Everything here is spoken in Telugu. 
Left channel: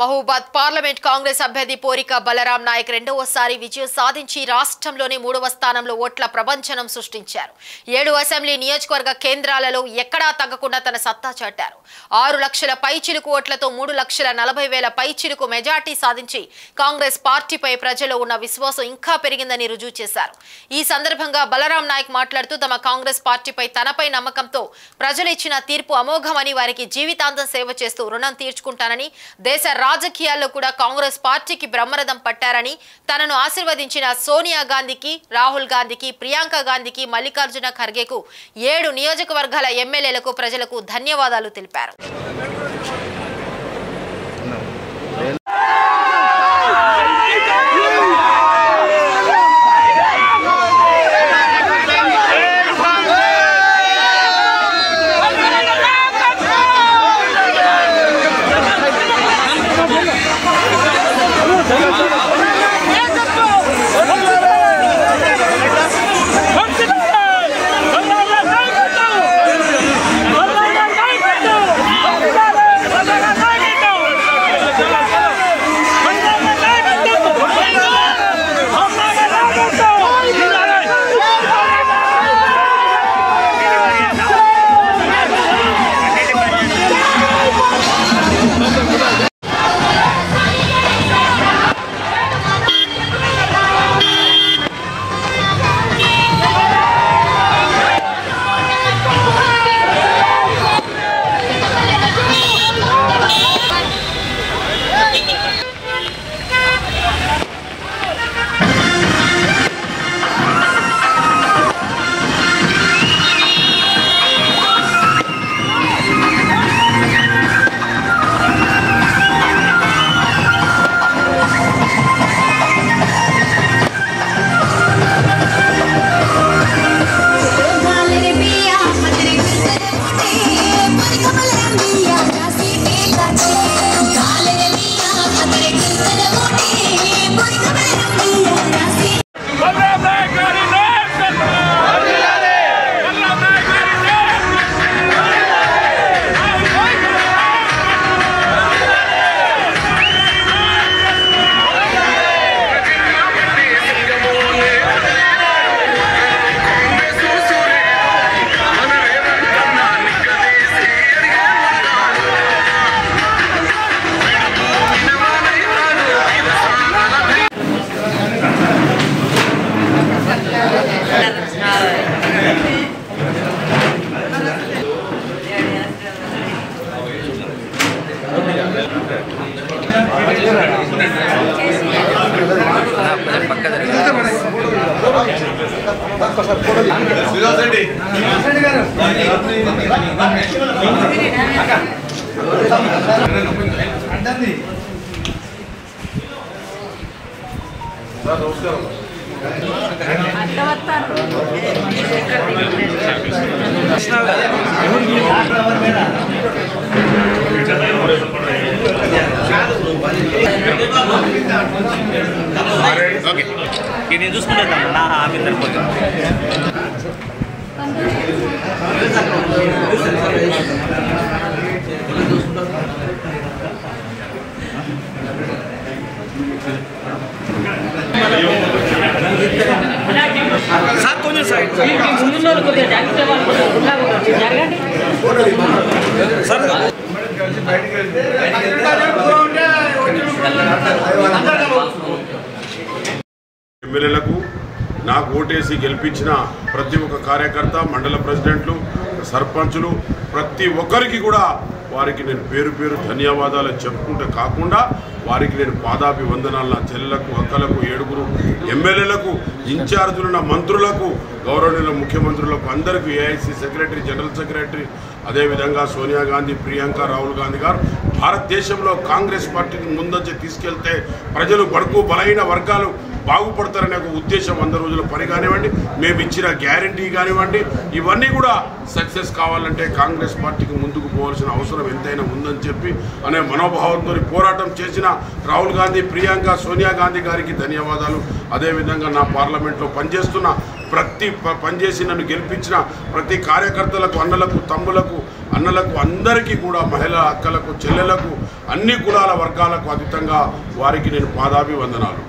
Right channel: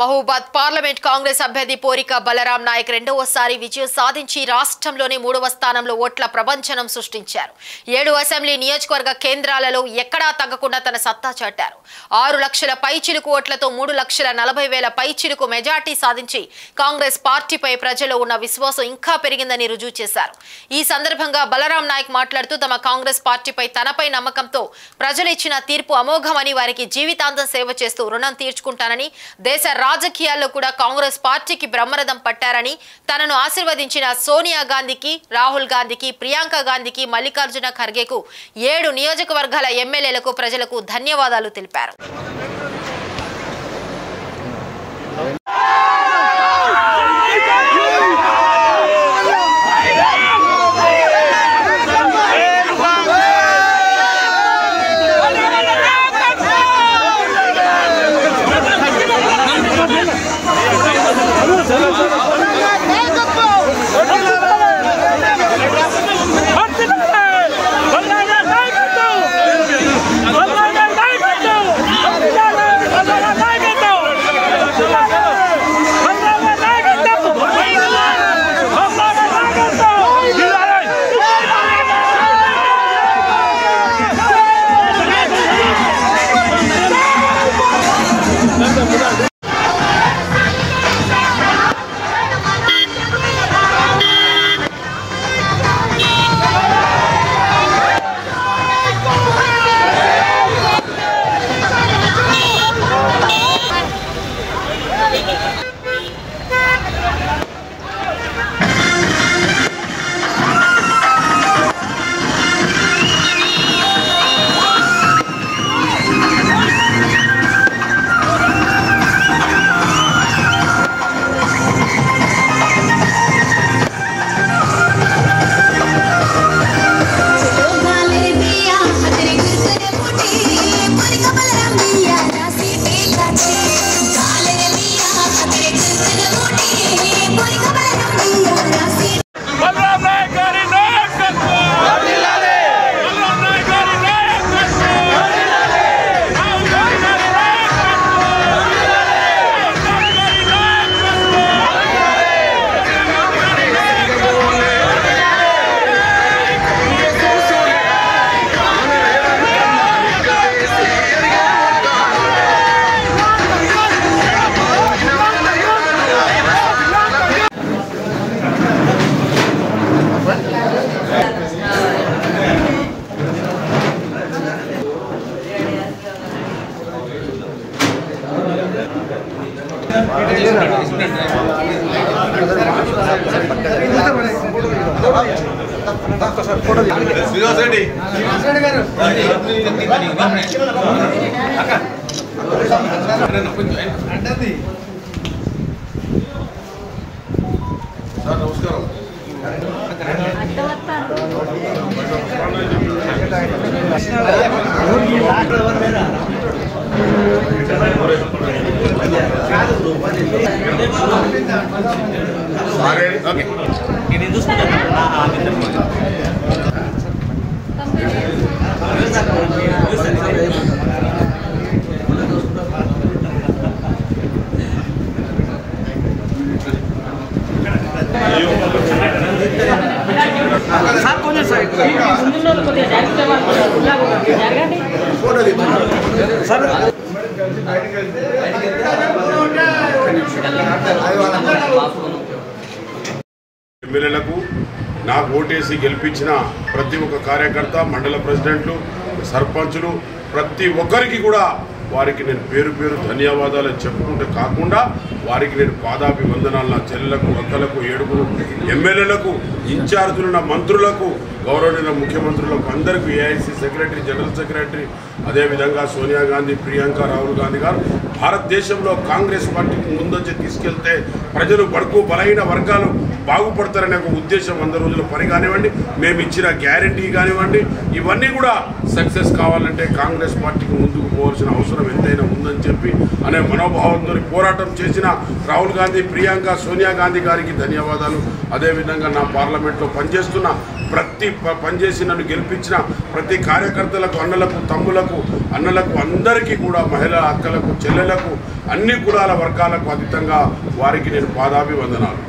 మహబూబాద్ పార్లమెంట్ కాంగ్రెస్ అభ్యర్థి పోరిక బలరాం నాయక్ రెండవసారి విజయం సాధించి రాష్ట్రంలోని 3వ స్థానంలో ఓట్ల ప్రపంచనం సృష్టించారు. 7 అసెంబ్లీ నియోజకవర్గ కేంద్రాలలో ఎక్కడా తగ్గకుండా తన సత్తా చాటారు. 6 లక్షల పైచిలుకు ఓట్లతో 3,40,000 పైచిలుకు మెజార్టీ సాధించి కాంగ్రెస్ పార్టీపై ప్రజల్లో ఉన్న విశ్వాసం ఇంకా పెరిగిందని రుజువు చేశారు. ఈ సందర్భంగా బలరాం నాయక్ మాట్లాడుతూ తమ కాంగ్రెస్ పార్టీపై తనపై నమ్మకంతో ప్రజలు ఇచ్చిన తీర్పు అమోఘమని, వారికి జీవితాంతం సేవ చేస్తూ రుణం తీర్చుకుంటానని, దేశ రాజకీయాల్లో కూడా కాంగ్రెస్ పార్టీకి బ్రహ్మరథం పట్టారని, తనను ఆశీర్వదించిన సోనియా గాంధీకి, రాహుల్ గాంధీకి, ప్రియాంక గాంధీకి, మల్లికార్జున ఖర్గేకు, 7 నియోజకవర్గాల ఎమ్మెల్యేలకు ప్రజలకు ధన్యవాదాలు తెలిపారు. ఎమ్మెల్యేలకు నాకు ఓటేసి గెలిపించిన ప్రతి ఒక్క కార్యకర్త, మండల ప్రెసిడెంట్లు, సర్పంచులు, ప్రతి ఒక్కరికి కూడా వారికి నేను పేరు పేరు ధన్యవాదాలు చెప్పుకుంటే కాకుండా వారికి నేను పాదాభివందనాలు, నా చెల్లెలకు, అక్కలకు, 7 ఎమ్మెల్యేలకు, ఇన్ఛార్జులున్న మంత్రులకు, గౌరవనీయుల ముఖ్యమంత్రులకు, అందరికీ ఏఐసీ సెక్రటరీ, జనరల్ సెక్రటరీ, అదేవిధంగా సోనియా గాంధీ, ప్రియాంక, రాహుల్ గాంధీ గారు భారతదేశంలో కాంగ్రెస్ పార్టీని ముందొచ్చి తీసుకెళ్తే ప్రజలు బడుగు బలహీన వర్గాలు బాగుపడతారనే ఒక ఉద్దేశం 100 రోజుల పని కానివ్వండి, మేము ఇచ్చిన గ్యారంటీ కానివ్వండి, ఇవన్నీ కూడా సక్సెస్ కావాలంటే కాంగ్రెస్ పార్టీకి ముందుకు పోవాల్సిన అవసరం ఎంతైనా ఉందని చెప్పి అనే మనోభావంతో పోరాటం చేసిన రాహుల్ గాంధీ, ప్రియాంక, సోనియా గాంధీ గారికి ధన్యవాదాలు. అదేవిధంగా నా పార్లమెంట్లో పనిచేస్తున్న ప్రతి పనిచేసి నన్ను గెలిపించిన ప్రతి కార్యకర్తలకు, అన్నలకు, తమ్ములకు, అన్నలకు అందరికీ కూడా, మహిళా అక్కలకు, చెల్లెలకు, అన్ని కులాల వర్గాలకు అతీతంగా వారికి నేను పాదాభివందనాలు.